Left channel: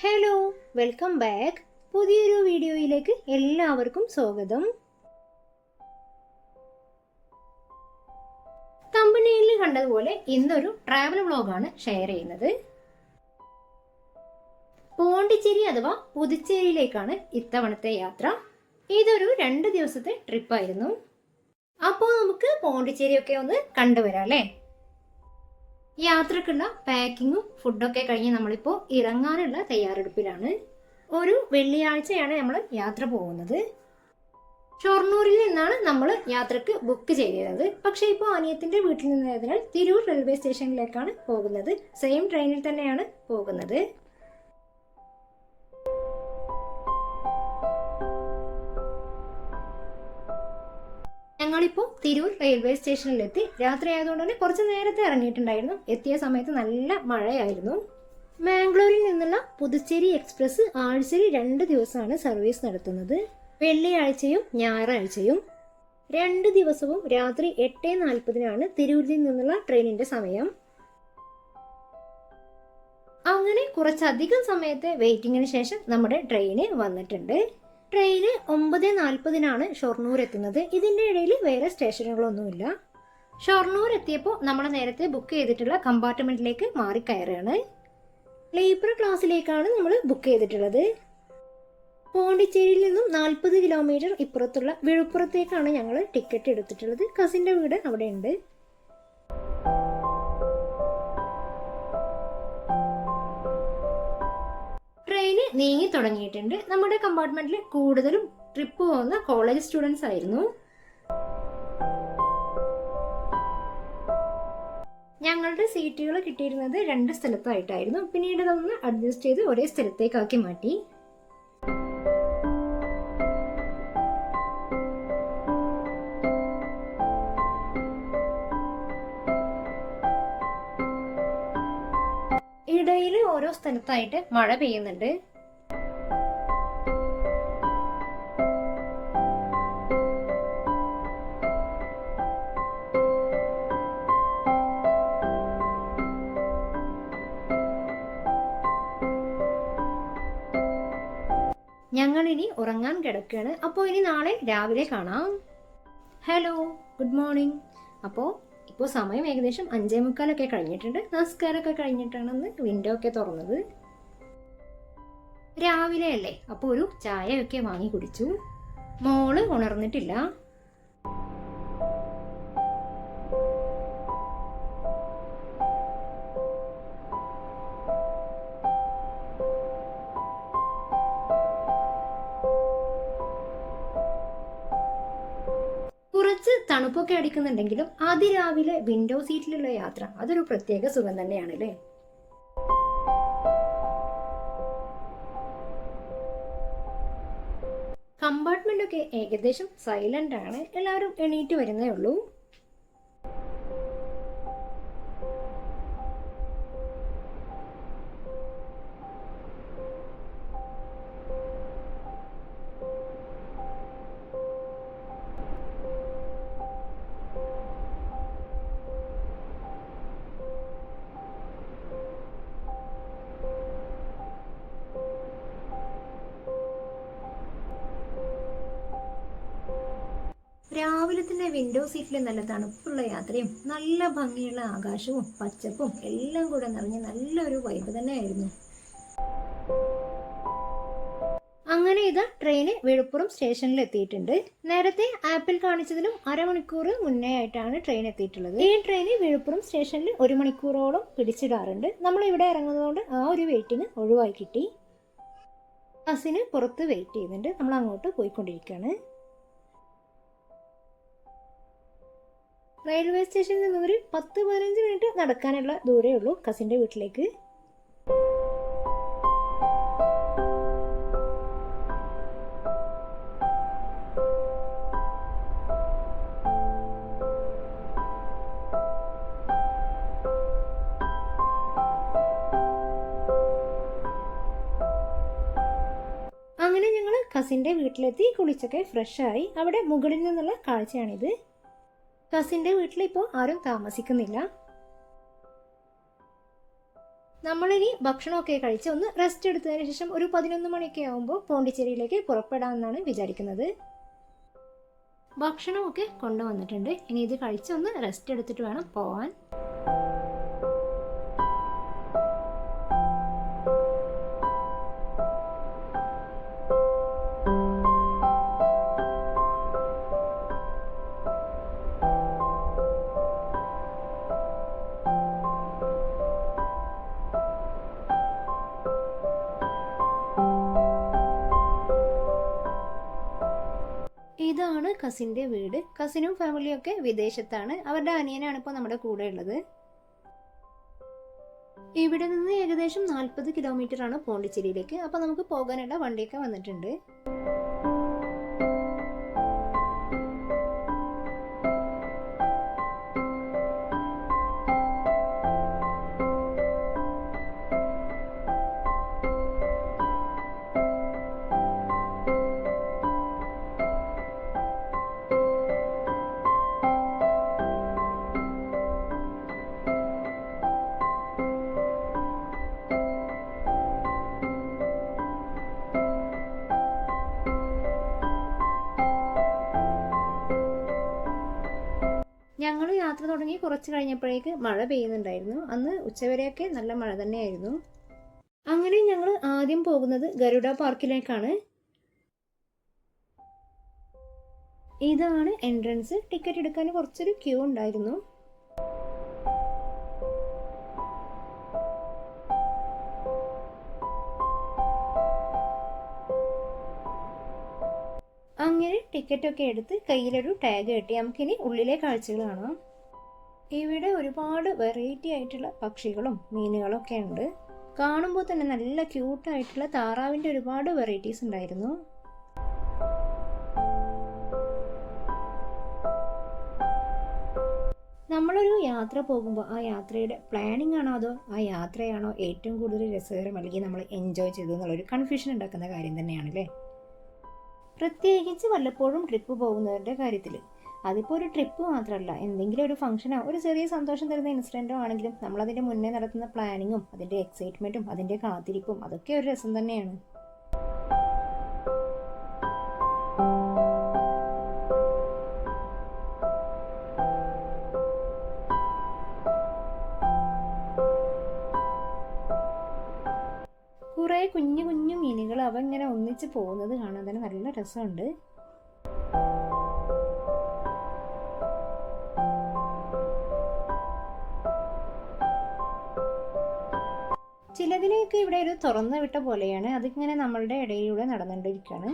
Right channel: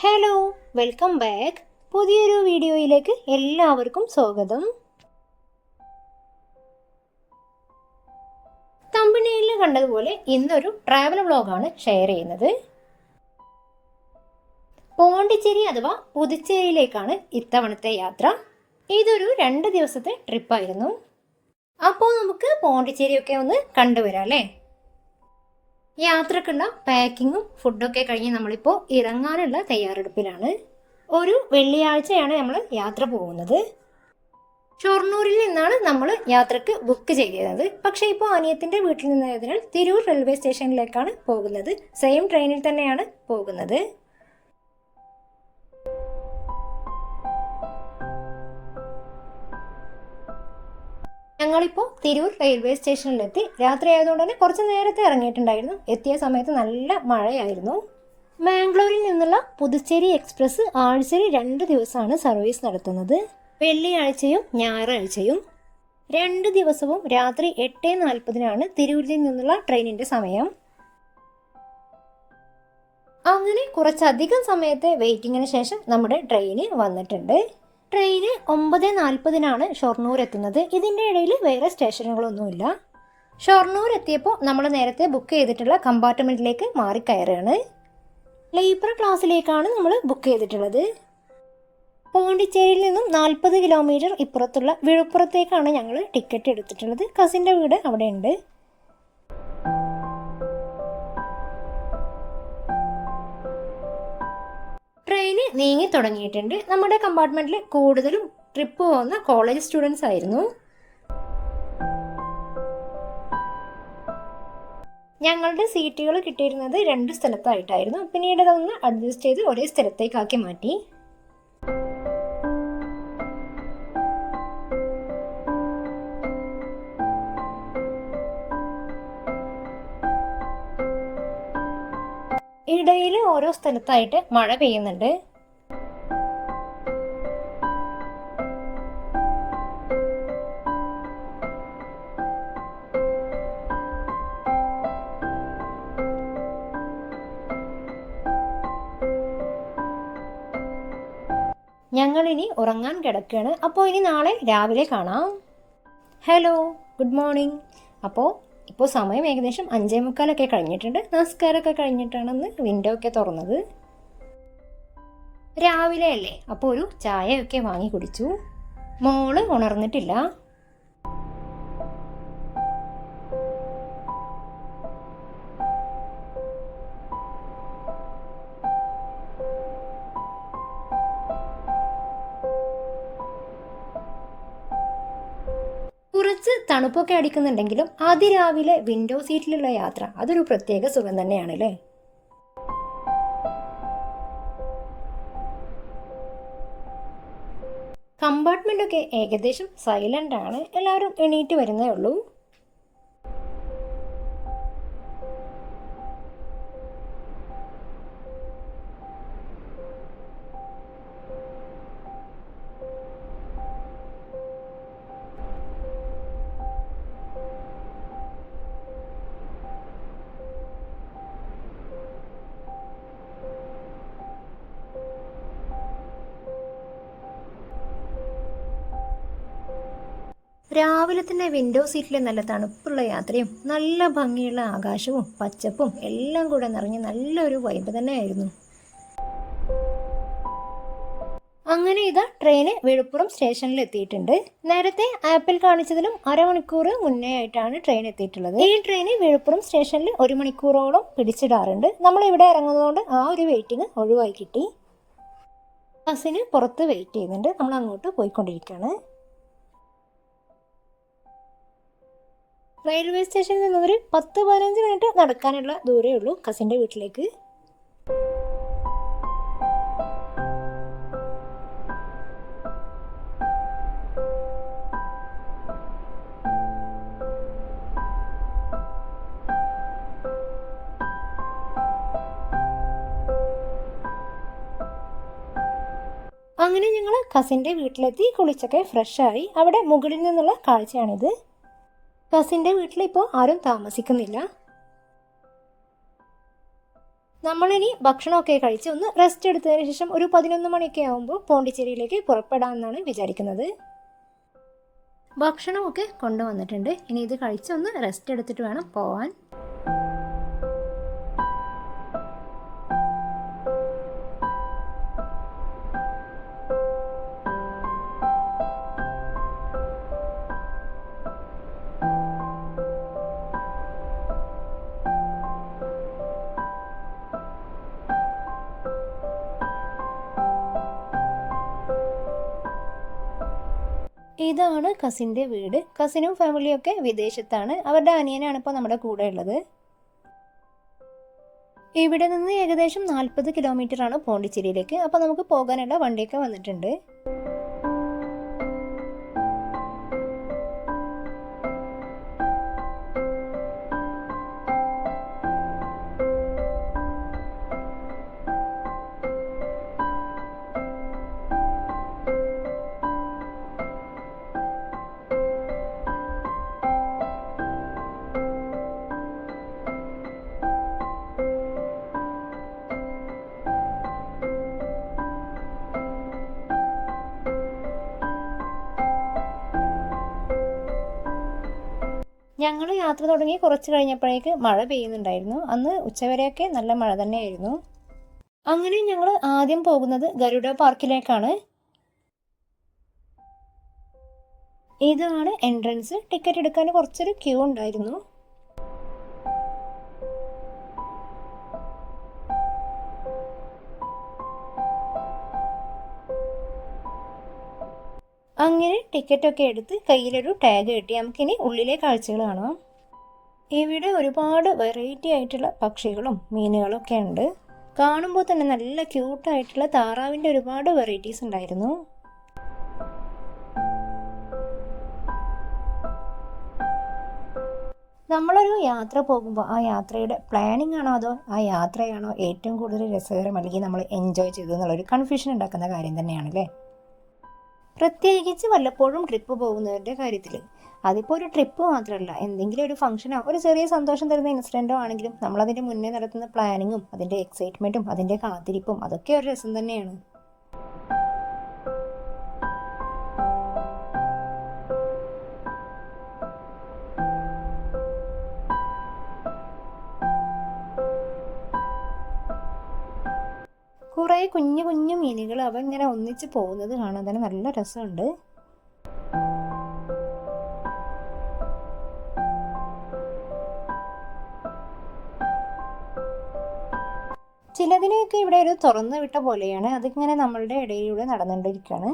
Hello, welcome back. പുതിയൊരു വീഡിയോയിലേക്ക് എല്ലാവർക്കും സ്വാഗതം. തമ്പനെയിൽ കണ്ടതുപോലെ ഇന്നൊരു ട്രാവൽ വ്ളോഗാണ് ഷെയർ ചെയ്യുന്നത്. പോണ്ടിച്ചേരി അഥവാ പുതുച്ചേരിയിലേക്കാണ് ഇത്തവണത്തെ യാത്ര. ഇതൊരു 2 ദിവസത്തെ ട്രിപ്പായിരുന്നു. അപ്പോൾ നമുക്ക് പോണ്ടിച്ചേരിയൊക്കെ ഒന്ന് കണ്ടുവരാം അല്ലേ. യാത്രക്കുള്ള പാക്കിങ്ങും ഫുഡൊക്കെ കഴിഞ്ഞ് നമ്മളിപ്പോൾ ഇറങ്ങാനുള്ള തയ്യാറെടുപ്പിലാണ്. ഒരു വെള്ളിയാഴ്ചയാണ് നമ്മൾ യാത്ര പോകുന്നത്. ഷൊർണൂരിൽ നിന്നാണ് നമ്മൾ യാത്രക്ക് ബുക്ക് ചെയ്തത്. പക്ഷേ ഇപ്പോൾ അനിയത്തിൻ്റെ വീട്ടിൽ നിന്നായതിനാൽ തിരൂർ റെയിൽവേ സ്റ്റേഷനിലേക്കാണ് പോകുന്നത്. സെയിം ട്രെയിനിൽ തന്നെയാണ് പോകുന്നത്. ഞങ്ങളിപ്പോൾ തിരൂർ റെയിൽവേ സ്റ്റേഷനിലെത്തി. രാത്രി ആയതുകൊണ്ട് തന്നെ കുറച്ച് നേരത്തെ ഇറങ്ങിയിട്ടുണ്ടായിരുന്നു. എത്തിയ സമയത്ത് നല്ല മഴയായിരുന്നു. മാംഗ്ലൂരിൽ നിന്നുള്ള പുതുച്ചേരി എക്സ്പ്രസ് ആഴ്ചയിൽ 2 ദിവസമാണ് സർവീസ് നടത്തുന്നത്. വെള്ളിയാഴ്ചയും ഞായറാഴ്ചയും. 2 ദിവസവും രാത്രി 8:40 തിരൂരിൽ നിന്നുള്ള ട്രെയിനിൻ്റെ സമയം. അങ്ങനെ കുറച്ചധികം സമയത്തെ വെയിറ്റിങ്ങിന് ശേഷം നമ്മുടെ ട്രെയിന് വന്നിട്ടുണ്ട്. ട്രെയിന് 9:40 ഷൊർണൂർ എത്തുന്നത്. ഇതിൻ്റെ ഇടയിൽ വേറെ സ്റ്റേഷനുകളൊന്നുമില്ല. ഷൊർണൂർ എത്തിയപ്പോൾ നമ്മൾ നേരത്തെ ബുക്ക് ചെയ്തിട്ടുള്ള കമ്പാർട്ട്മെൻറ്റിലേക്ക് മാറിക്കയറുകയാണ്. സ്ലീപ്പർ ക്ലാസ്സിലേക്കാണ് നമ്മൾ ബുക്ക് ചെയ്തിട്ടുള്ളത്. പോണ്ടിച്ചേരിയിൽ നിന്നും 40 കിലോമീറ്റർ ഇപ്പുറത്തുള്ള വിഴുപ്പുറത്തേക്കാണ് ഞങ്ങൾ ടിക്കറ്റ് എടുത്തിട്ടുള്ളത്. കസിൻ്റെ വീട് അവിടെ ഉണ്ട്. ട്രെയിന് നീങ്ങി തുടങ്ങിയിട്ടുണ്ട്. നമ്മുടെ കമ്പാർട്ട്മെന്റിൽ കൂടുതലും ട്രിപ്പ് പോകുന്ന കോളേജ് സ്റ്റുഡൻസ് ആയിരുന്നു. ഞങ്ങളുടെ സീറ്റുകൾ കിട്ടിയിരുന്നത് 2 സ്ഥലത്തായിട്ടായിരുന്നു. പിന്നീട് അതൊന്ന് അഡ്ജസ്റ്റ് ചെയ്ത് ഒരേ സ്ഥലത്തേക്കാക്കി മാറ്റി. ഇടയിൽ ഓരോ സ്ഥലത്തായിട്ട് മഴ പെയ്യുന്നുണ്ട്. ഞങ്ങളിനി ഉറങ്ങാൻ കിടക്കുകയാണ്. അപ്പോൾ ഇനി നാളെ രാവിലെ കാണാം. Hello, good morning. ഇപ്പോൾ സമയം ഏകദേശം 5:45 കഴിഞ്ഞിട്ടുണ്ട്. നമസ്കാരമൊക്കെ കഴിഞ്ഞിട്ടാണെന്ന് വിൻഡോ ഒക്കെ തുറന്നത്. രാവിലെ അല്ലേ, അപ്പോൾ ഒരു ചായയൊക്കെ വാങ്ങി കുടിച്ചു. മോള് ഉണർന്നിട്ടില്ല. കുറച്ച് തണുപ്പൊക്കെ അടിക്കുന്നുണ്ടെങ്കിലും അതിരാവിലെ വിൻഡോ സീറ്റിലുള്ള യാത്ര അതൊരു പ്രത്യേക സുഖം തന്നെയാണല്ലേ. കമ്പാർട്ട്മെന്റൊക്കെ ഏകദേശം സൈലന്റ് ആണ്. എല്ലാവരും എണീറ്റ് വരുന്നേ ഉള്ളൂ. രാവിലെ തന്നെ വിൻഡോ സീറ്റിൽ നല്ല തണുപ്പുള്ള യാത്രയും നല്ല ഭംഗിയുള്ള ആകാശവും പച്ചപ്പും എല്ലാം കൂടെ നിറഞ്ഞ് നല്ലൊരു വൈബ് തന്നെയായിരുന്നു. അങ്ങനെ ഇതാ ട്രെയിന് വിഴുപ്പുറം സ്റ്റേഷനിൽ എത്തിയിട്ടുണ്ട്. നേരത്തെ ആപ്പിൽ കാണിച്ചതിലും അരമണിക്കൂർ മുന്നേ ആയിട്ടാണ് ട്രെയിൻ എത്തിയിട്ടുള്ളത്. ഈ ട്രെയിന് വിഴുപ്പുറം സ്റ്റേഷനിൽ 1 മണിക്കൂറോളം പിടിച്ചിടാറുണ്ട്. നമ്മൾ ഇവിടെ ഇറങ്ങുന്നതുകൊണ്ട് ആ ഒരു വെയിറ്റിംഗ് ഒഴിവായി കിട്ടി. ബസ്സിന് പുറത്ത് വെയിറ്റ് ചെയ്യുന്നുണ്ട്. നമ്മൾ അങ്ങോട്ട് പോയിക്കൊണ്ടിരിക്കുകയാണ്. റെയിൽവേ സ്റ്റേഷനിൽ നിന്നൊരു 10-15 മിനിറ്റ് നടക്കാനുള്ള ദൂരമേ ഉള്ളൂ കസിൻ്റെ വീട്ടിലേക്ക്. അങ്ങനെ ഞങ്ങൾ കസിൻ്റെ വീട്ടിലെത്തി. കുളിച്ചൊക്കെ ഫ്രഷായി. അവിടെ മുകളിൽ നിന്നുള്ള കാഴ്ചയാണിത്. കസിൻ്റെ വീട്ടിൽ ഇപ്പോൾ ആരും താമസിക്കുന്നില്ല. നമ്മളിനി ഭക്ഷണമൊക്കെ കഴിച്ച് ഒന്ന് റെസ്റ്റ് എടുത്തതിന് ശേഷം ഒരു 11 മണിയൊക്കെ ആകുമ്പോൾ പോണ്ടിച്ചേരിയിലേക്ക് പുറപ്പെടാമെന്നാണ് വിചാരിക്കുന്നത്. ഭക്ഷണമൊക്കെ കൊണ്ടുവന്നിട്ടുണ്ട്. ഇനി ഇത് കഴിച്ചൊന്ന് റെസ്റ്റ് എടുത്തിട്ട് വേണം പോവാൻ. ഇതാണ് കസിൻ്റെ വീട്. കസിനും ഫാമിലിയും ഒക്കെ വിദേശത്താണ്. അവരുടെ അനിയനാണ് ഇപ്പോൾ നമ്മുടെ കൂടെ ഉള്ളത്. ഇവിടെ നിന്ന് ഏകദേശം 40 കിലോമീറ്റർ ആണ് പോണ്ടിച്ചേരിയിലേക്ക്. അപ്പോൾ നമുക്ക് പോകാനുള്ള വണ്ടിയൊക്കെ വന്നിട്ടുണ്ട്. ഞങ്ങൾ യാത്ര തുടങ്ങി കുറച്ച് കഴിഞ്ഞപ്പോഴേക്ക് മഴ പെയ്യുന്നുണ്ടായിരുന്നു. അന്ന് ഉച്ചവരെയൊക്കെ നല്ല മഴ തന്നെയായിരുന്നു. അങ്ങനെ ഞങ്ങൾ ആദ്യം പോകുന്നത് ഗരുഡ പാർക്കിലേക്കാണ്. ഇതാണ് എൻട്രൻസ്. ടിക്കറ്റ് എടുക്കാൻ കുറച്ചൊരു ക്യൂ ഉണ്ടായിരുന്നു. അങ്ങനെ ടിക്കറ്റൊക്കെ എടുത്ത് കയ്യിലൊരു ടാഗ് കെട്ടി നമുക്കിനി ഉള്ളിലെ കാഴ്ചകൾ കാണാം. ഇവിടെ ഒരുപാട് വെറൈറ്റി ആയിട്ടുള്ള പക്ഷികളും മീനുകളും ഒക്കെ ഉണ്ട്. കാണുമ്പോൾ തന്നെ നല്ല ക്യൂട്ടായിട്ടുള്ള താറാവിൻ്റെ ഒരുപാട് വെറൈറ്റീസ് ഉണ്ടായിരുന്നു. നമ്മളൊരു യാത്ര പോകുമ്പോൾ ആ യാത്രയുടെ പ്ലാനിങ് ആണോ അതോ ആ യാത്രയാണോ ഏറ്റവും കൂടുതൽ രസകരം അല്ലെങ്കിൽ നമ്മൾ എൻജോയ് ചെയ്തു എന്നുള്ളൊരു കൺഫ്യൂഷൻ ഉണ്ടാക്കുന്ന കാര്യം തന്നെയാണല്ലേ. പ്രത്യേകിച്ച് വല്ലപ്പോഴും ട്രിപ്പ് പോകുന്നവരുടെ കാര്യത്തിൽ. അതിപ്പോൾ ഒരു ട്രിപ്പ് മാത്രമല്ല, എന്തെങ്കിലും ഒരു ഫംഗ്ഷനോ ഒരു ചെറിയ സന്തോഷം തരുന്ന ഇൻസിഡൻറ്റോ ആണെങ്കിലും നമ്മളതിൻ്റെ മുന്നേ നടത്തുന്ന പ്ലാനിങ്ങും അതിൻ്റെ എക്സൈറ്റ്മെൻറ്റും അതിൻ്റെ കാത്തിരിപ്പും അതൊക്കെ ഒരു രസം തന്നെയാണ്. കുറേ കുഞ്ഞു കുഞ്ഞു മീനുകൾ അവ ഇങ്ങനെ ഒന്നിച്ച് പോകുന്നത് കാണാൻ തന്നെ നല്ല രസമുണ്ട്. ചിലതിനെയൊക്കെ ഇവിടെ ഒരു തുറന്നു വിട്ട പോലെയാണ്. അതിങ്ങനെ നമ്മളുടെ ഇടയിലൂടെ നടന്നുകൊണ്ടിരിക്കുകയാണ്.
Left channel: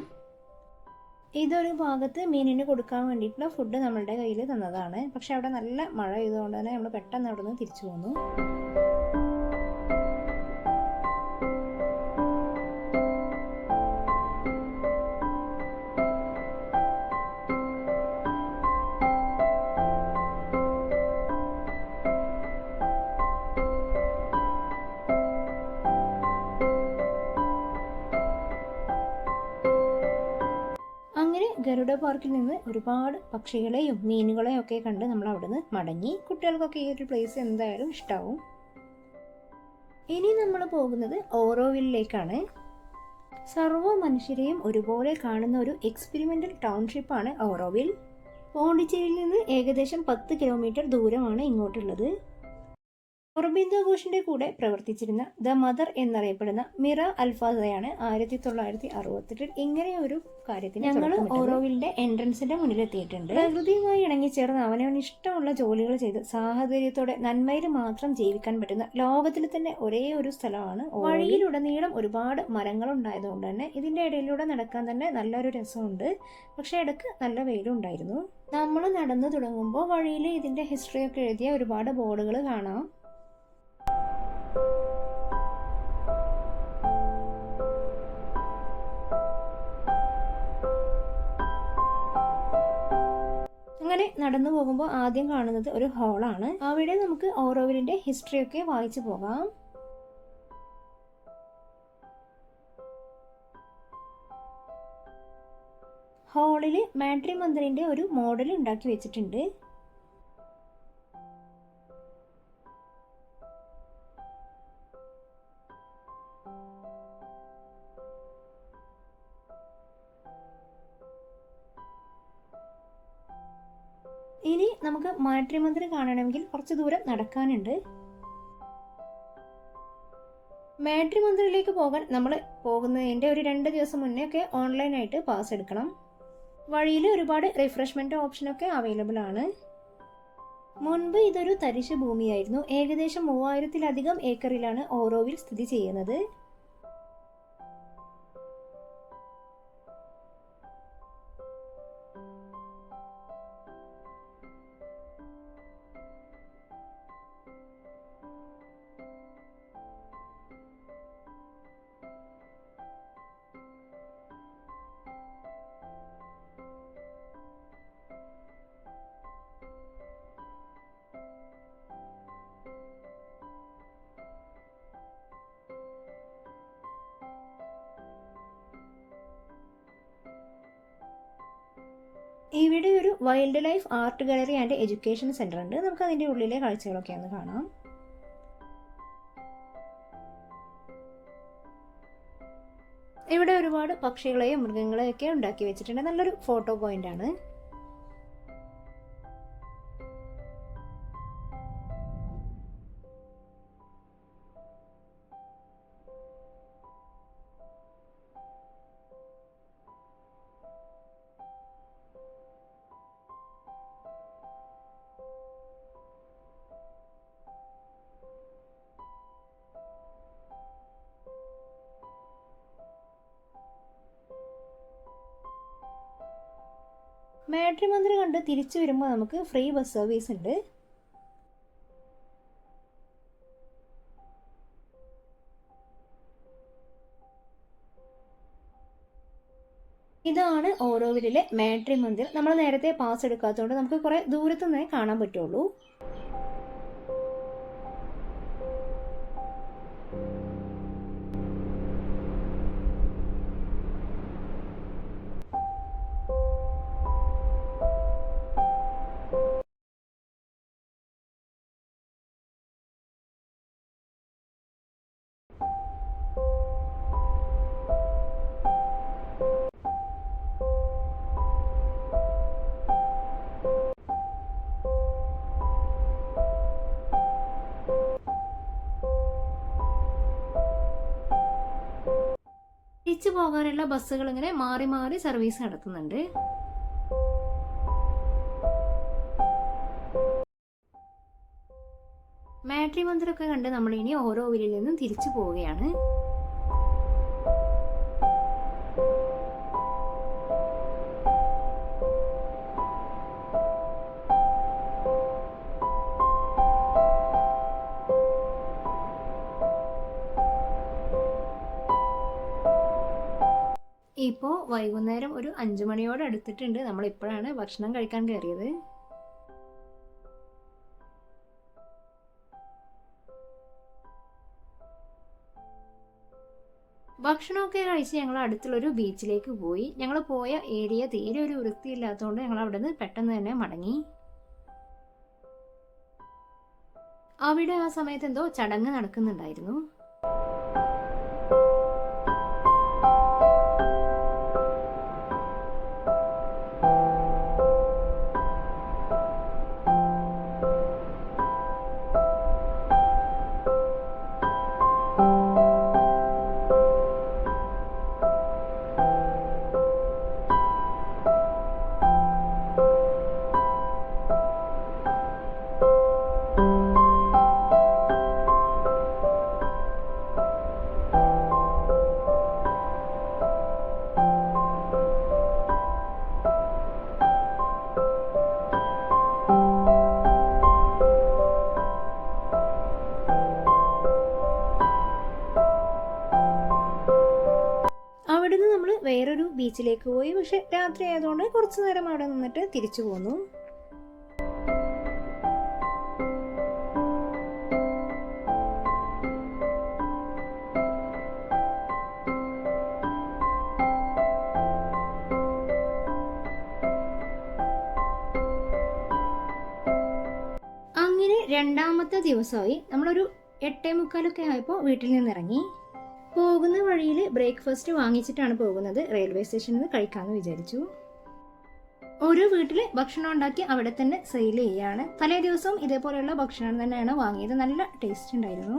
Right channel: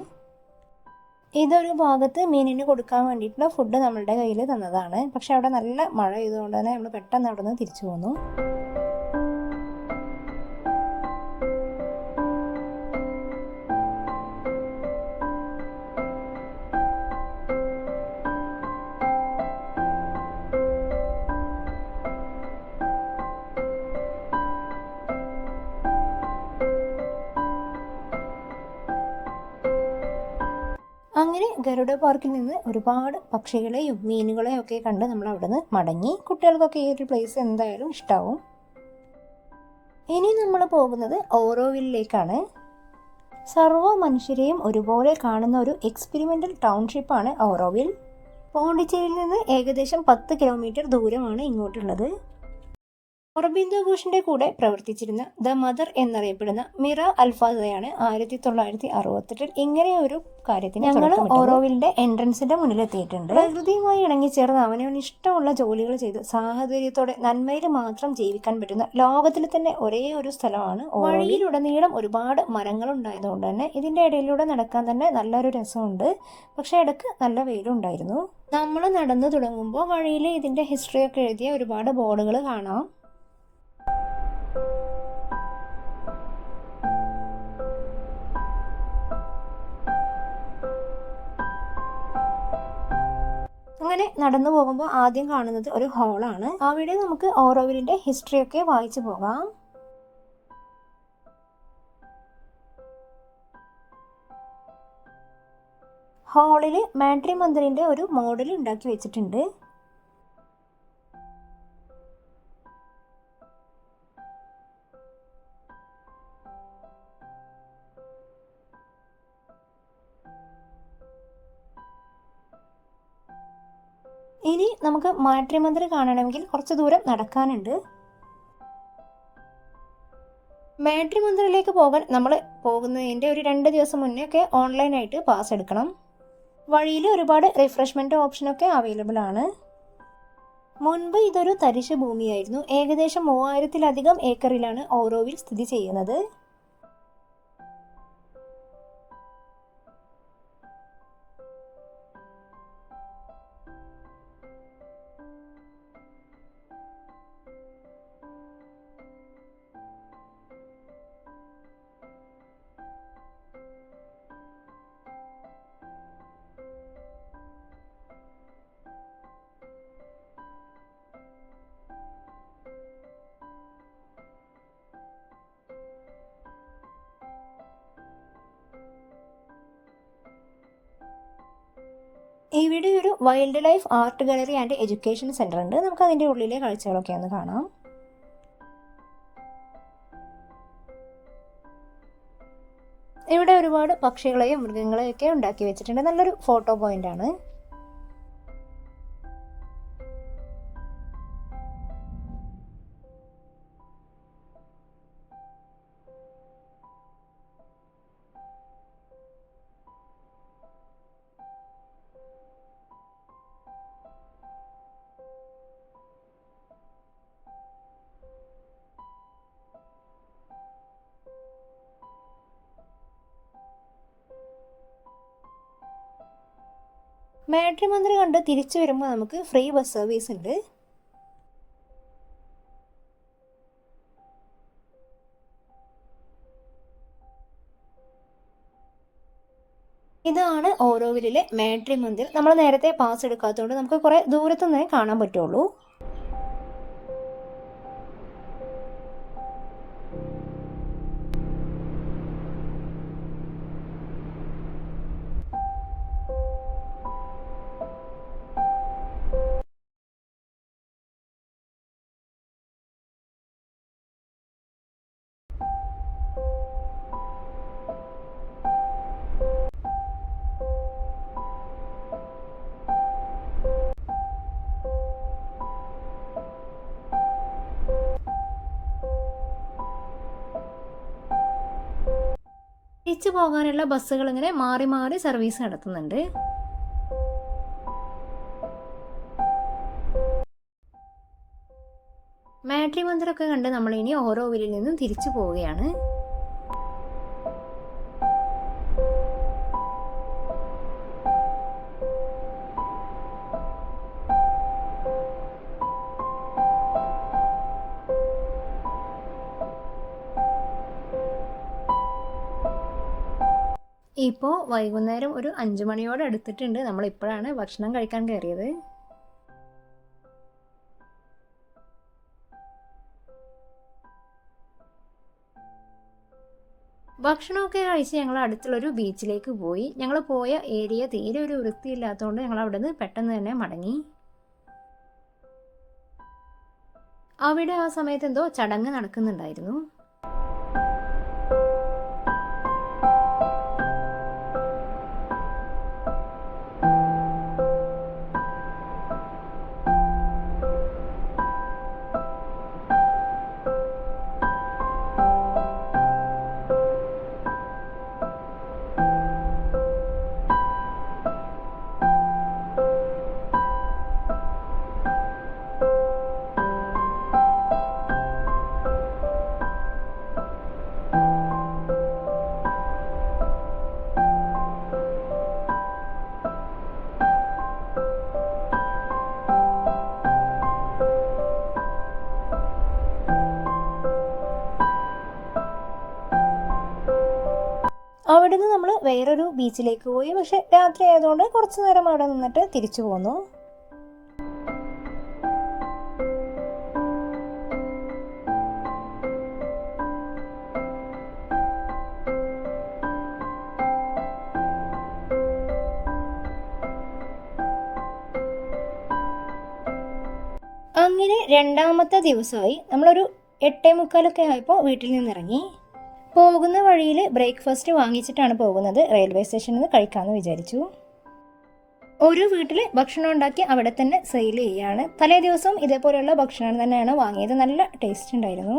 ഇതൊരു ഭാഗത്ത് മീനിന് കൊടുക്കാൻ വേണ്ടിയിട്ടുള്ള ഫുഡ് നമ്മളുടെ കയ്യിൽ തന്നതാണ്. പക്ഷെ അവിടെ നല്ല മഴ ചെയ്തുകൊണ്ട് തന്നെ നമ്മൾ പെട്ടെന്ന് അവിടെ നിന്ന് തിരിച്ചു പോന്നു. അങ്ങനെ ഗരുഡ പാർക്കിൽ നിന്ന് ഒരുപാട് പക്ഷികളെയും മീനുകളെയും ഒക്കെ കണ്ട് നമ്മൾ അവിടെ നിന്ന് മടങ്ങി. കുട്ടികൾക്കൊക്കെ ഈ ഒരു പ്ലേസ് എന്തായാലും ഇഷ്ടാവും. ഇനി നമ്മൾ പോകുന്നത് ഓറോവില്ലിലേക്കാണ്. സർവ്വ മനുഷ്യരെയും ഒരുപോലെ കാണുന്ന ഒരു എക്സ്പെരിമെൻ്റൽ ടൗൺഷിപ്പാണ് ഓറോവിൽ. പോണ്ടിച്ചേരിയിൽ നിന്ന് ഏകദേശം 10 കിലോമീറ്റർ ദൂരമാണ് ഇങ്ങോട്ടുള്ളത്. അറബിന്ദോ ഘോഷിന്റെ കൂടെ പ്രവർത്തിച്ചിരുന്ന ദ മദർ എന്നറിയപ്പെടുന്ന മിറ അൽഫാസയാണ് 1968 ഇങ്ങനെ ഒരു കാര്യത്തിന് ഞങ്ങൾ ഓറോവിലിന്റെ എൻട്രൻസിന്റെ മുന്നിലെത്തിയിട്ടുണ്ട്. പ്രകൃതിയുമായി ഇണങ്ങിച്ചേർന്ന് അവനവന് ഇഷ്ടമുള്ള ജോലികൾ ചെയ്ത് സാഹചര്യത്തോടെ നന്മയിൽ മാത്രം ജീവിക്കാൻ പറ്റുന്ന ലോകത്തിൽ തന്നെ ഒരേ ഒരു സ്ഥലമാണ്. വഴിയിലുടനീളം ഒരുപാട് മരങ്ങൾ ഉണ്ടായതുകൊണ്ട് തന്നെ ഇതിന്റെ ഇടയിലൂടെ നടക്കാൻ തന്നെ നല്ലൊരു രസമുണ്ട്. പക്ഷെ ഇടയ്ക്ക് നല്ല വെയിലുണ്ടായിരുന്നു. നമ്മൾ നടന്നു തുടങ്ങുമ്പോൾ വഴിയിൽ ഇതിന്റെ ഹിസ്റ്ററിയൊക്കെ എഴുതിയ ഒരുപാട് ബോർഡുകൾ കാണാം. അങ്ങനെ നടന്നു പോകുമ്പോൾ ആദ്യം കാണുന്നത് ഒരു ഹാളാണ്. അവിടെ നമുക്ക് ഓറോവിലിന്റെ ഹിസ്റ്ററിയൊക്കെ വായിച്ചു പോകാം. ഹാളിൽ മാട്രി മന്ദിറിന്റെ ഒരു മോഡൽ ഉണ്ടാക്കി വെച്ചിട്ടുണ്ട്. നമുക്ക് മാട്രിമോന്നി കാണണമെങ്കിൽ കുറച്ച് ദൂരം നടക്കാനുണ്ട്. മാട്രിമോന്നിയിലേക്ക് പോകാൻ നമ്മൾ പോകുന്നതിൻ്റെ ഒരു 2 ദിവസം മുന്നേ ഒക്കെ ഓൺലൈനായിട്ട് പാസ് എടുക്കണം. വഴിയിൽ ഒരുപാട് റിഫ്രഷ്മെൻറ്റ് ഓപ്ഷനൊക്കെ അവൈലബിൾ ആണ്. മുൻപ് ഇതൊരു തരിശ് ഭൂമിയായിരുന്നു. ഏകദേശം 3000-ലധികം ഏക്കറിലാണ് ഓരോവിൽ സ്ഥിതി ചെയ്യുന്നത്. ഇവിടെ ഒരു wild life art gallery and education centre ഉണ്ട്. നമുക്ക് അതിൻ്റെ ഉള്ളിലെ കാഴ്ചകളൊക്കെ ഒന്ന് കാണാം. ഇവിടെ ഒരുപാട് പക്ഷികളെയും മൃഗങ്ങളെയും ഒക്കെ ഉണ്ടാക്കി വെച്ചിട്ടുണ്ട്. നല്ലൊരു ഫോട്ടോ പോയിന്റ് ആണ്. മാട്രിമോന്നി കണ്ട് തിരിച്ചു വരുമ്പോൾ നമുക്ക് ഫ്രീ ബസ് സർവീസ് ഉണ്ട്. ഇതാണ് ഓരോവിലെ മാട്രിമോന്നി. നമ്മൾ നേരത്തെ പാസ് എടുക്കാത്തതുകൊണ്ട് നമുക്ക് കുറേ ദൂരത്തുനിന്നേ കാണാൻ പറ്റുള്ളൂ. തിരിച്ചു പോകാനുള്ള ബസ്സുകൾ ഇങ്ങനെ മാറി മാറി സർവീസ് നടത്തുന്നുണ്ട്. മാട്രിമോന്നി ഒക്കെ കണ്ട് നമ്മളിനി ഓരോവിലിൽ നിന്നും തിരിച്ചു പോവുകയാണ്. ഇപ്പോൾ വൈകുന്നേരം ഒരു 5 മണിയോട് അടുത്തിട്ടുണ്ട്. നമ്മളിപ്പോഴാണ് ഭക്ഷണം കഴിക്കാൻ കയറിയത്. ഭക്ഷണമൊക്കെ കഴിച്ച് ഞങ്ങൾ അടുത്തുള്ളൊരു ബീച്ചിലേക്ക് പോയി. ഞങ്ങൾ പോയ ഏരിയ തീരെ ഒരു വൃത്തിയില്ലാത്തതുകൊണ്ട് ഞങ്ങൾ അവിടെ നിന്ന് പെട്ടെന്ന് തന്നെ മടങ്ങി. അവിടെ ആ സമയത്ത് എന്തോ ചടങ്ങ് നടക്കുന്നുണ്ടായിരുന്നു. അവിടെ നിന്ന് നമ്മൾ വേറൊരു ബീച്ചിലേക്ക് പോയി. പക്ഷെ രാത്രി ആയതുകൊണ്ട് കുറച്ചു നേരം അവിടെ നിന്നിട്ട് തിരിച്ചു പോന്നു. അങ്ങനെ രണ്ടാമത്തെ ദിവസമായി. നമ്മളൊരു 8:45 ആയപ്പോൾ വീട്ടിൽ നിന്നിറങ്ങി. പോകുന്ന വഴിയിൽ ബ്രേക്ക്ഫാസ്റ്റ് വാങ്ങിച്ചിട്ടാണ് പോകുന്നത്. റെയിൽവേ സ്റ്റേഷനിൽ നിന്ന് കഴിക്കാമെന്ന് വിചാരിച്ചു. ഒരു വീട്ടിൽ ഭക്ഷണം ഉണ്ടാക്കി അവിടെ തന്നെ സെയിൽ ചെയ്യുകയാണ്. തലേ ദിവസം ഇതേപോലെയുള്ള ഭക്ഷണം തന്നെയാണ് വാങ്ങിയത്. നല്ല ടേസ്റ്റ് ഉണ്ടായിരുന്നു.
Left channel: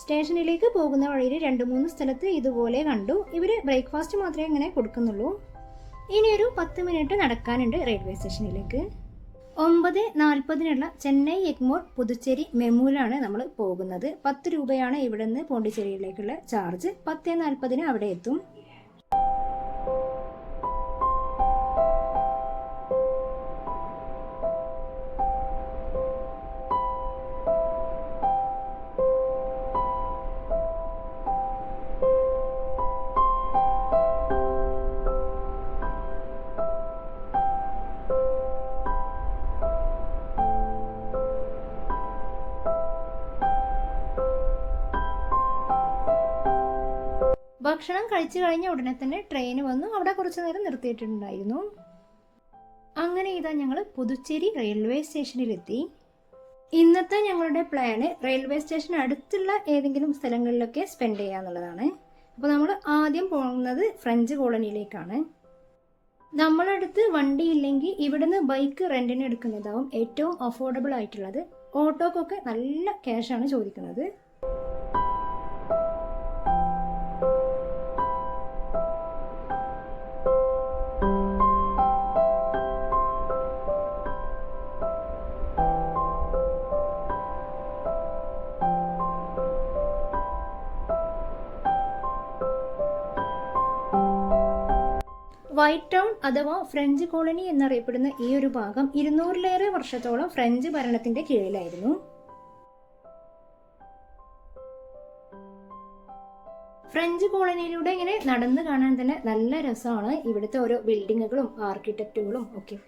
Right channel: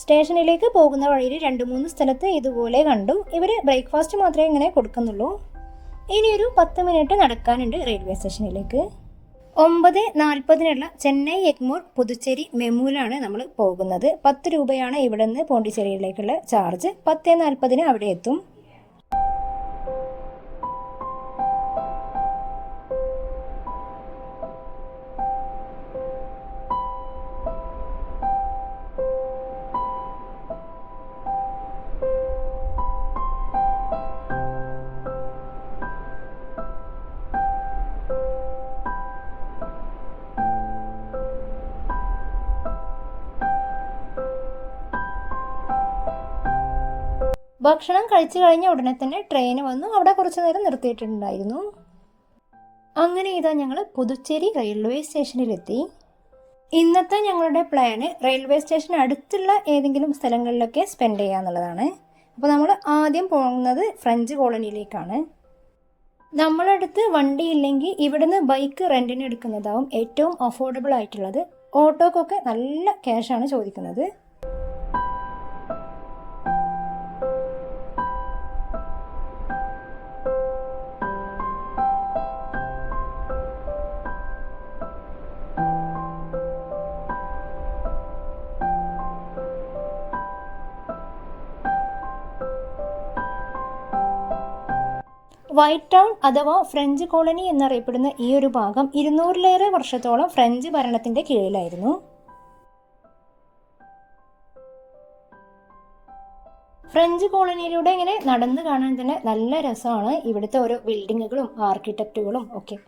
സ്റ്റേഷനിലേക്ക് പോകുന്ന വഴിയിൽ 2-3 സ്ഥലത്ത് ഇതുപോലെ കണ്ടു. ഇവർ ബ്രേക്ക്ഫാസ്റ്റ് മാത്രമേ ഇങ്ങനെ കൊടുക്കുന്നുള്ളൂ. ഇനിയൊരു 10 മിനിറ്റ് നടക്കാനുണ്ട് റെയിൽവേ സ്റ്റേഷനിലേക്ക്. 9:40 ചെന്നൈ എഗ്മോർ പുതുച്ചേരി മെമുവിലാണ് നമ്മൾ പോകുന്നത്. 10 രൂപയാണ് ഇവിടെ നിന്ന് പോണ്ടിച്ചേരിയിലേക്കുള്ള ചാർജ്. 10:40 അവിടെ എത്തും. ഭക്ഷണം കഴിച്ചു കഴിഞ്ഞ ഉടനെ തന്നെ ട്രെയിൻ വന്നു. അവിടെ കുറച്ച് നേരം നിർത്തിയിട്ടുണ്ടായിരുന്നു. അങ്ങനെ ഇതാ ഞങ്ങൾ പുതുച്ചേരി റെയിൽവേ സ്റ്റേഷനിലെത്തി. ഇന്നത്തെ ഞങ്ങളുടെ പ്ലാന് റെയിൽവേ സ്റ്റേഷൻ അടുത്തുള്ള ഏതെങ്കിലും സ്ഥലങ്ങളിലൊക്കെ സ്പെൻഡ് ചെയ്യുക എന്നുള്ളതാണ്. അപ്പോൾ നമ്മൾ ആദ്യം പോകുന്നത് ഫ്രഞ്ച് കോളനിയിലേക്കാണ്. നമ്മളടുത്ത് വണ്ടി ഇല്ലെങ്കിൽ ഇവിടുന്ന് ബൈക്ക് റെൻറ്റിന് എടുക്കുന്നതാവും ഏറ്റവും അഫോർഡബിൾ ആയിട്ടുള്ളത്. ഓട്ടോക്കൊക്കെ നല്ല ക്യാഷാണ് ചോദിക്കുന്നത്. വൈറ്റ് ടൗൺ അഥവാ ഫ്രഞ്ച് കോളനി എന്നറിയപ്പെടുന്ന ഈ ഒരു ഭാഗം 200-ലേറെ വർഷത്തോളം ഫ്രഞ്ച് ഭരണത്തിന്റെ കീഴിലായിരുന്നു. ഫ്രഞ്ച് കോളനിയിലൂടെ ഇങ്ങനെ നടന്നു കാണാൻ തന്നെ നല്ല രസമാണ്. ഇവിടുത്തെ ഓരോ ബിൽഡിങ്ങുകളും ആർക്കിടെക്റ്റുകളും ഒക്കെ.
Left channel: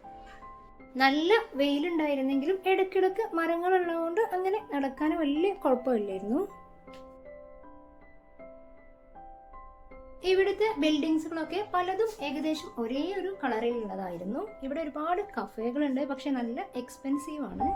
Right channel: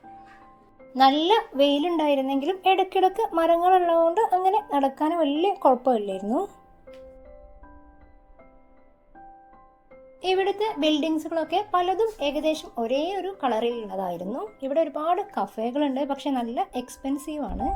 നല്ല വെയിലുണ്ടായിരുന്നെങ്കിലും ഇടയ്ക്കിടയ്ക്ക് മരങ്ങളുള്ളതുകൊണ്ട് അങ്ങനെ നടക്കാൻ വലിയ കുഴപ്പമില്ലായിരുന്നു. ഇവിടുത്തെ ബിൽഡിങ്സുകളൊക്കെ പലതും ഏകദേശം ഒരേ ഒരു കളറിൽ ഉള്ളതായിരുന്നു. ഇവിടെ ഒരുപാട് കഫേകളുണ്ട്, പക്ഷെ നല്ല എക്സ്പെൻസീവ് ആണ്.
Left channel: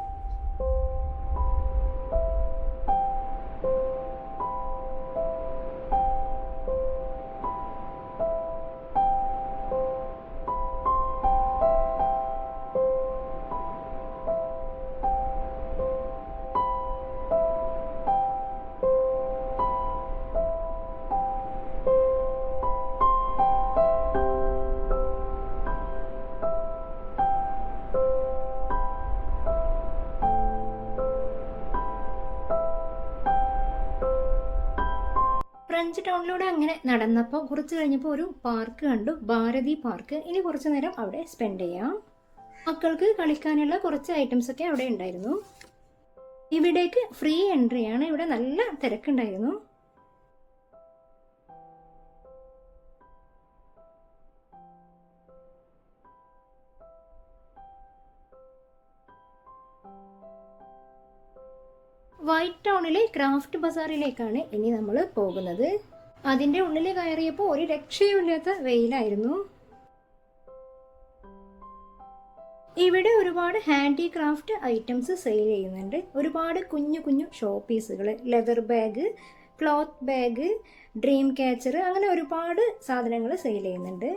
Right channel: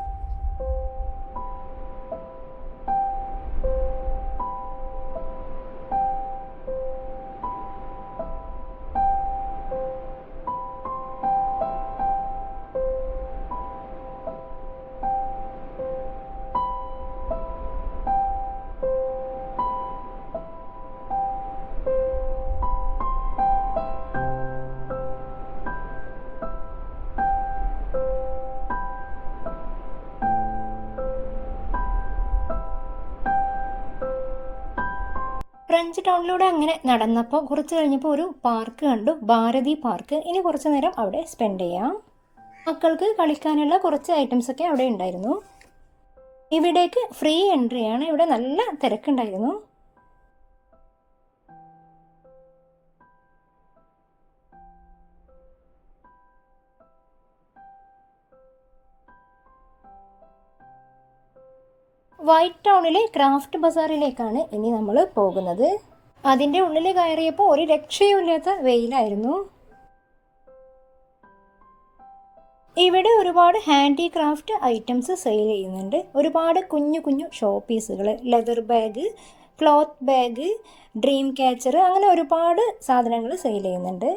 ഫ്രഞ്ച് ടൗണിലൂടെ അങ്ങനെ നടന്നപ്പോൾ കുറച്ച് കഴിഞ്ഞപ്പോൾ ഒരു പാർക്ക് കണ്ടു, ഭാരതി പാർക്ക്. ഇനി കുറച്ച് നേരം അവിടെ സ്പെൻഡ് ചെയ്യാം. മക്കൾക്ക് കളിക്കാനുള്ള കുറച്ച് ഐറ്റംസ് ഒക്കെ അവിടെ ഉണ്ടായിരുന്നു. ഇവിടേക്ക് ഫ്രീ എൻട്രിയാണ്. ഇവിടെ നല്ല തിരക്കുണ്ടായിരുന്നു. വൈറ്റ് ടൗണിലെ ക്രാഫ്റ്റ് ബസാറിലേക്കാണ് ഇനി നമ്മൾ പോകുന്നത്. അതിൻ്റെ ഉള്ളിൽ കയറിയപ്പോൾ ഒരു രക്ഷയുമില്ലാത്ത വെയിലായിരുന്നു. ഇവിടെ ഒരുപാട് ഹാൻഡിക്രാഫ്റ്റ് ഐറ്റംസ് സെയിൽ ചെയ്യുന്നുണ്ട്. ഒരുപാട് കുഞ്ഞു കുഞ്ഞു ഷോ പീസുകൾ, leather bag, cloth bag, dream catcher, അങ്ങനെ ഒരുപാട് സാധനങ്ങൾ സെയിൽ ചെയ്യുന്നുണ്ട്.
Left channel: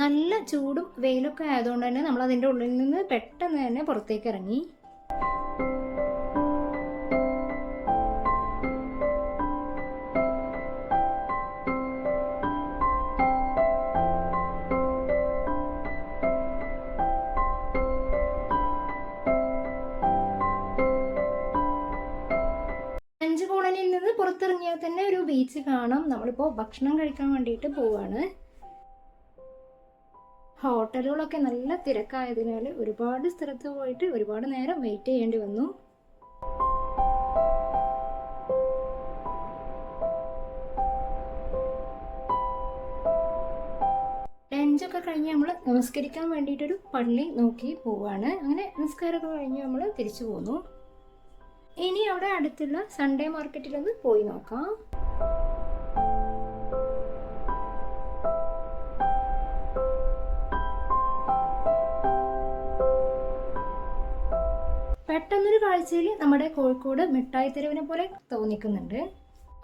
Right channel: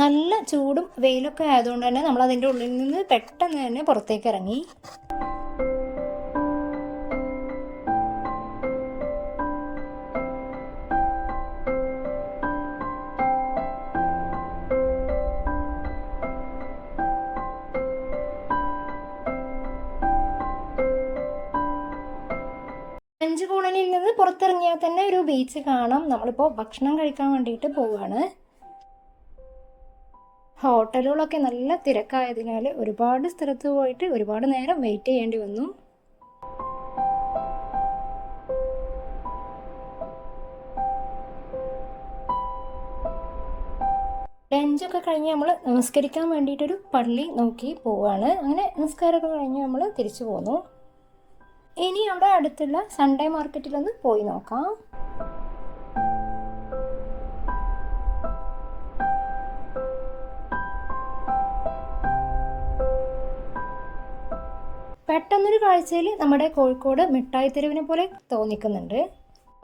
നല്ല ചൂടും വെയിലൊക്കെ ആയതുകൊണ്ട് തന്നെ നമ്മൾ അതിൻ്റെ ഉള്ളിൽ നിന്ന് പെട്ടെന്ന് തന്നെ പുറത്തേക്ക് ഇറങ്ങി. ഫ്രഞ്ച് കോളനിയിൽ നിന്ന് പുറത്തിറങ്ങിയാൽ തന്നെ ഒരു ബീച്ച് കാണാം. നമ്മളിപ്പോൾ ഭക്ഷണം കഴിക്കാൻ വേണ്ടിയിട്ട് പോവുകയാണ്. ഹോട്ടലുകളൊക്കെ നല്ല തിരക്കായതിനാൽ ഒരുപാട് സ്ഥലത്ത് പോയിട്ട് ഒരുപാട് നേരം വെയിറ്റ് ചെയ്യേണ്ടി വന്നു. ലഞ്ചൊക്കെ കഴിഞ്ഞ് നമ്മൾ നമസ്കരിക്കാൻ വേണ്ടിയിട്ടൊരു പള്ളി നോക്കി പോവാണ്. അങ്ങനെ നമസ്കാരമൊക്കെ കഴിഞ്ഞ് നമ്മൾ തിരിച്ചു പോന്നു. ഇനി അവിടെ അടുത്തുള്ള സൺഡേ മാർക്കറ്റിലൊന്ന് പോയി നോക്കാം. കാഴ്ചയിൽ നമ്മുടെ കോഴിക്കോട് മിഠായി തെരുവിനെ പോലെ തോന്നിക്കുന്നുണ്ട്.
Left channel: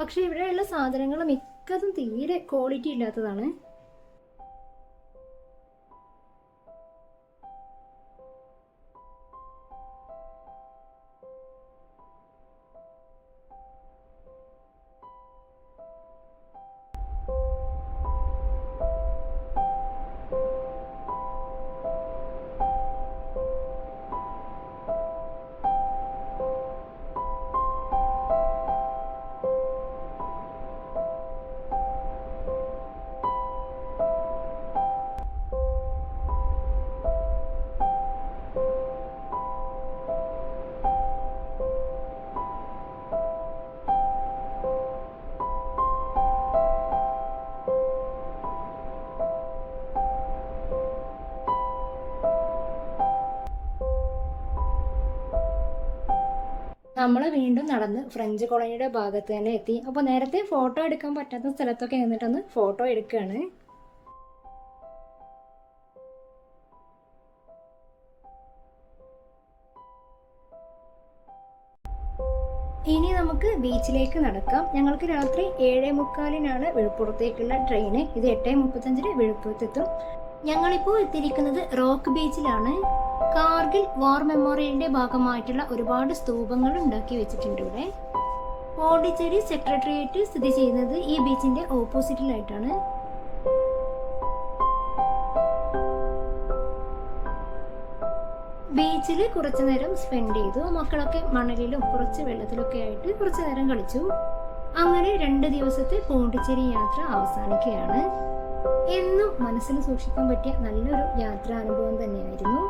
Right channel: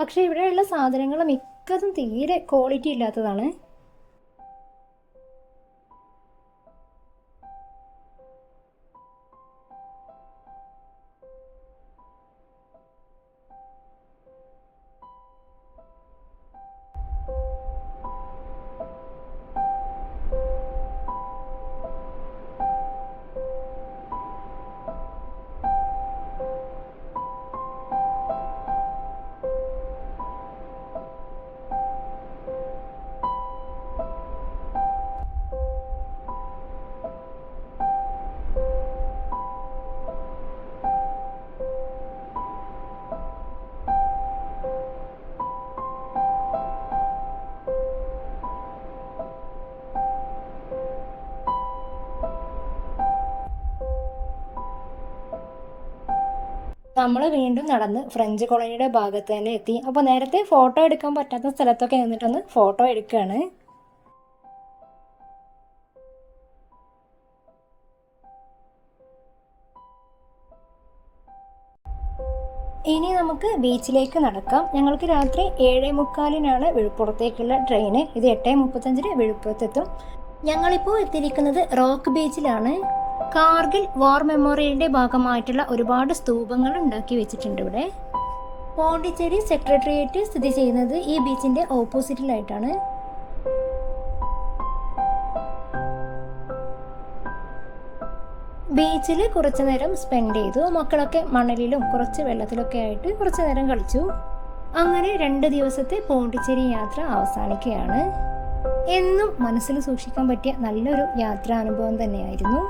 പക്ഷേ ഇവിടെയുള്ള സാധനങ്ങൾ മിക്കതും തീരെ ക്വാളിറ്റി ഇല്ലാത്തതാണ്. നമ്മൾ വീണ്ടും നടന്ന് ഫ്രഞ്ച് കോളനിയുടെ ഭാഗത്ത് തന്നെ എത്തി. അപ്പോൾ നേരത്തെ ഫോട്ടോ എടുക്കാൻ പറ്റാത്ത സ്ഥലത്തൊക്കെ നിന്നിട്ടൊന്ന് ഫോട്ടോ എടുക്കുകയാണ്. ഇനി നമുക്ക് ബീച്ചിലേക്ക് നടക്കാം. ഞങ്ങൾക്ക് രാത്രി 7:45 വിഴുപ്പുറത്തേക്കുള്ള ട്രെയിന്. ഇത് 8:35 വിഴുപ്പുറത്തെത്തും. ഞങ്ങളിപ്പോൾ എത്തിയിരിക്കുന്നത് റോക്ക് ബീച്ചിലാണ്. കാർഗിൽ വാർ മെമ്മോറിയലിന്റെ ഭാഗമായിട്ടുള്ള ഒരുപാട് സ്തൂപങ്ങൾ ഉണ്ടാക്കി വെച്ചിട്ടുണ്ട് ഇവിടെ. പോണ്ടിച്ചേരി സെക്രട്ടേറിയറ്റ് സ്ഥിതി ചെയ്യുന്നത് ഈ ബീച്ചിന്റെ ഓപ്പോസിറ്റിലായിട്ടാണ്. ബീച്ചിൽ കുറച്ചു നേരം സ്പെൻഡ് ചെയ്തു. മക്കളൊക്കെ മണലിലും കുറച്ച് വെള്ളത്തിലൊക്കെ ആയിട്ട് കുറച്ചു നേരം കളിച്ചു. അങ്ങനെ 2 ദിവസത്തെ പോണ്ടിച്ചേരി യാത്ര അവസാനിക്കുകയാണ്. എന്നും മനസ്സിൽ സൂക്ഷിക്കാൻ പറ്റിയ നല്ലൊരു യാത്രാനുഭവം തന്നെയായിരുന്നു.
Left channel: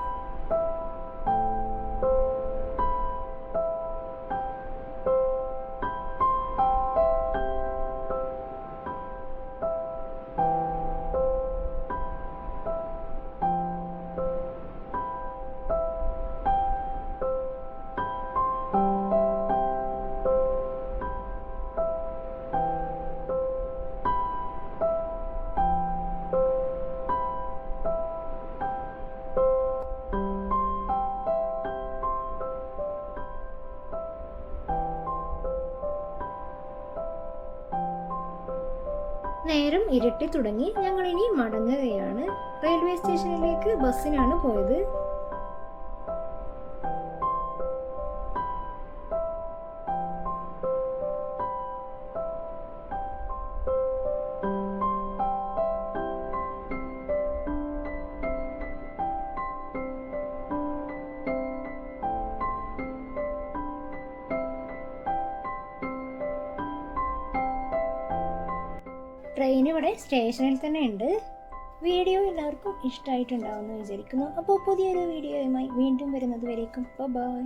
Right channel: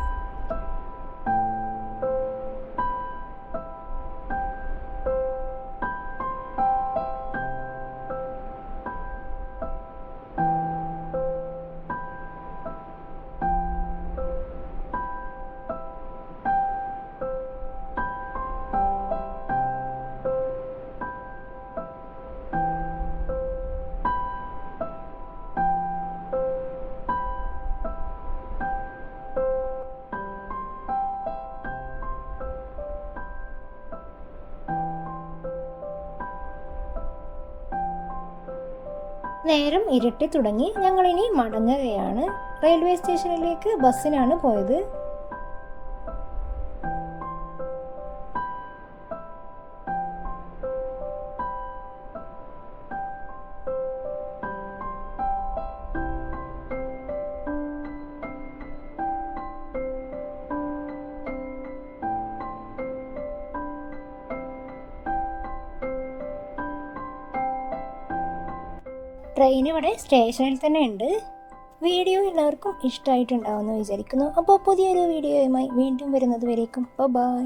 നേരം ഇരുട്ടി തുടങ്ങി. ഞങ്ങളിനി മടങ്ങുകയാണ്. റെയിൽവേ സ്റ്റേഷനിലേക്ക് ബസ്സിനാണ് പോയത്. ട്രെയിൻ ഇവിടെ സ്റ്റേഷനിൽ തന്നെ ഉണ്ട്. വീഡിയോ എല്ലാവർക്കും ഇഷ്ടമായിട്ടുണ്ടാവുമെന്ന് വിചാരിക്കുന്നു. അപ്പോൾ പുതിയൊരു വീഡിയോയുമായി വീണ്ടും വരുന്നത് വരേക്കും ബൈ.